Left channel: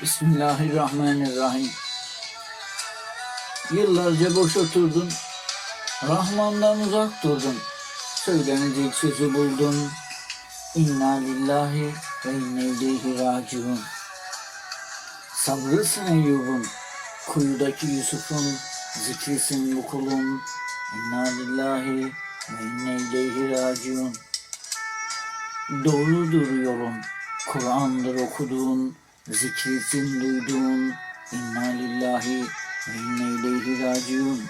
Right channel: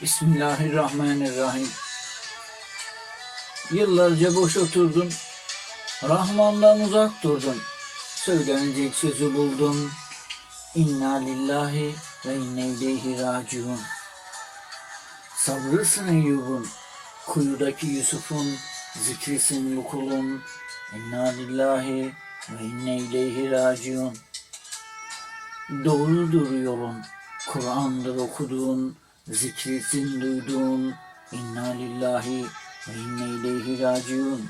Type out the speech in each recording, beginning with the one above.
Bismillahirrahmanirrahim. Yıllarca boş oturdun, Rahman'dan uzak durdun. Söylenecek sözü buldum. İnna lillahi ve inne ileyhi raciun. Sabrısın Eyyub'un, kuyudaki Yusuf'un, zikrisin bu kulun. İnna lillahi ve inne ileyhi raciun. Doğrudur yolun, Kur'an'dır okuduğun, zikrisin duyduğun. İnna lillahi ve inne ileyhi raciun.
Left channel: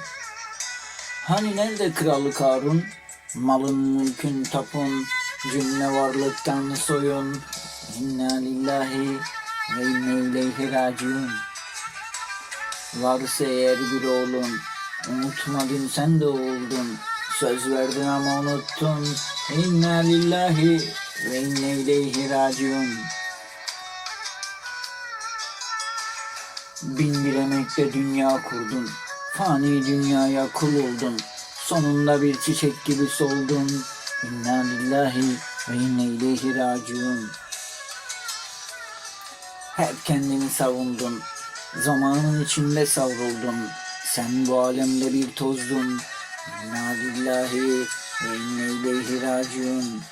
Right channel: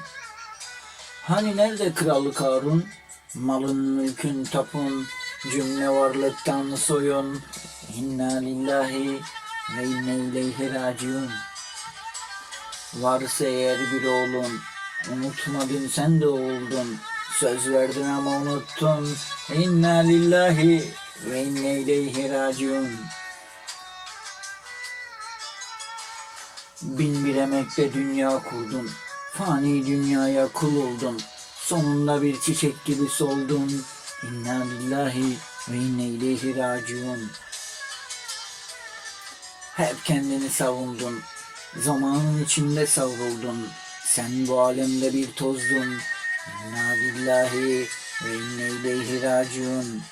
Hani nerede kralı Karun? Malın mülkün tapun, cümle varlıktan soyun. İnna lillahi ve inne ileyhi raciun. Varsa eğer bir oğlun, unutmadın sen de oldun. Söz verdin ama unuttun. İnna lillahi ve inne ileyhi raciun. Bin bir emekle dünya kurdun. Fani dünyaya kul oldun. Sonunda bir çiçek gibi soldun. İnna lillahi ve inne ileyhi raciun. Hep kendini savundun. Zamanın içinde savruldun. Sen bu alemde bir tozdun. İnna lillahi ve inne ileyhi raciun.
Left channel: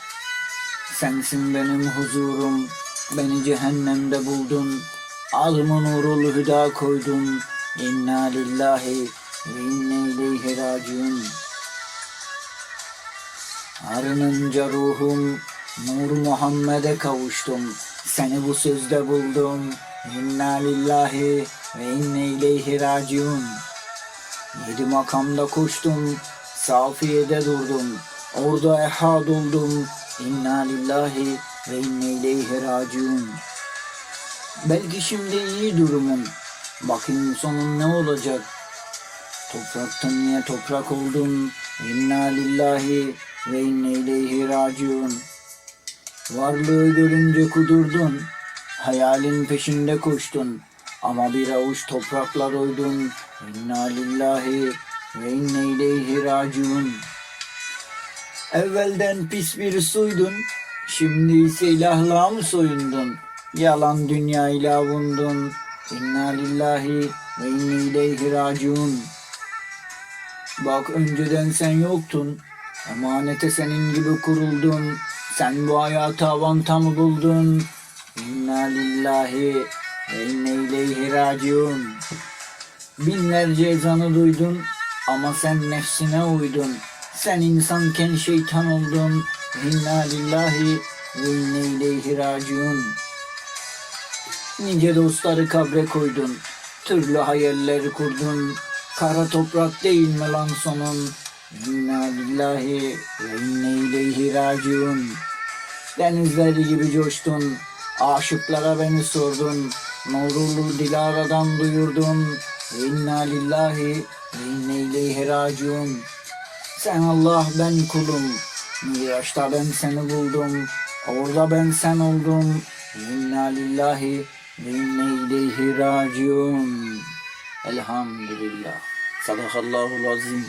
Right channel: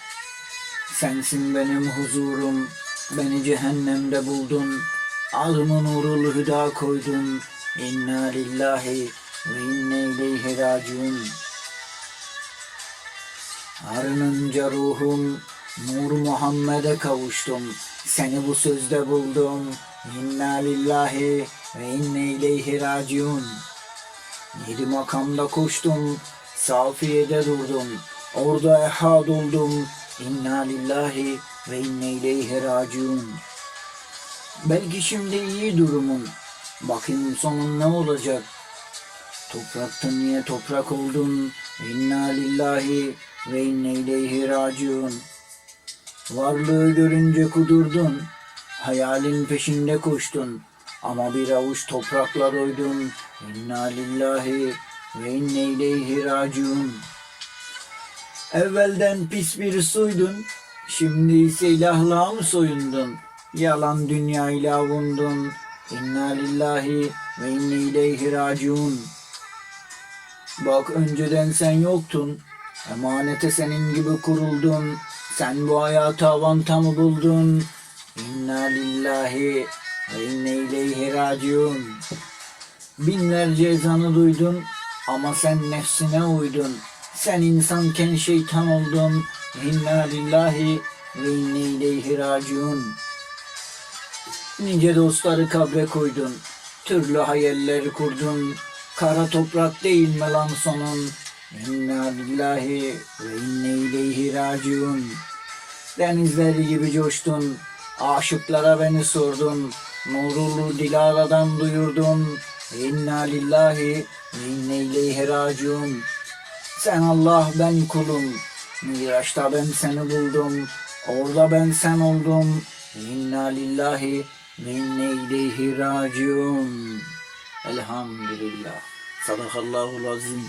Sensin benim huzurum. Beni cehennemde buldun. Alnımın nurul hüda koydun. İnna lillahi ve inne ileyhi raciun. Arınınca ruhum Nur Muhammed'e kavuştum. Seni bu sözde buldum. İnna lillahi ve inne ileyhi raciun. Yedi makamda koştum. Safiye'de durdum. Orada ehad oldum. İnna lillahi ve inne ileyhi raciun. Belki şimdi iyi durumum. Bakın sonun ne olacak? Topraktan niye toprak oldun? İnna lillahi ve inne ileyhi raciun. Varlığı görünce kudurdun. Hayalin peşinde koştun. Ama bir avuç toprakla doydun. İnna lillahi ve inne ileyhi raciun. Evvelden pis bir suydun. Şimdi ise ilahlığa mı soyundun? Yalan dünyayla avundun. İnna lillahi ve inne ileyhi raciun. Bak önceden sen yoktun. Emanete senin gibi kuruldun. Sen bu hayatı avanta mı buldun? İnna lillahi ve inne ileyhi raciun. Binlerce ezanı duydun ama sen nefsine uydun. Sen insanken şeytan oldun. İnna lillahi ve inne ileyhi raciun. Nice dostları kabre koydun. Türlü hayaller kurdun. Kara toprak değil mi lan sonun? İnna lillahi ve inne ileyhi raciun. Denizler gibi coştun. Aşıklara beni sordun. Nurulu Dilara'dan duyurdun. İnna lillahi ve inne ileyhi raciun. Sen Allah ben kulum. Miraç'ta ben seni buldum. Orada ben sen oldum. İnna lillahi ve inne ileyhi raciun. Elhamdülillah. Sadakallahu azim.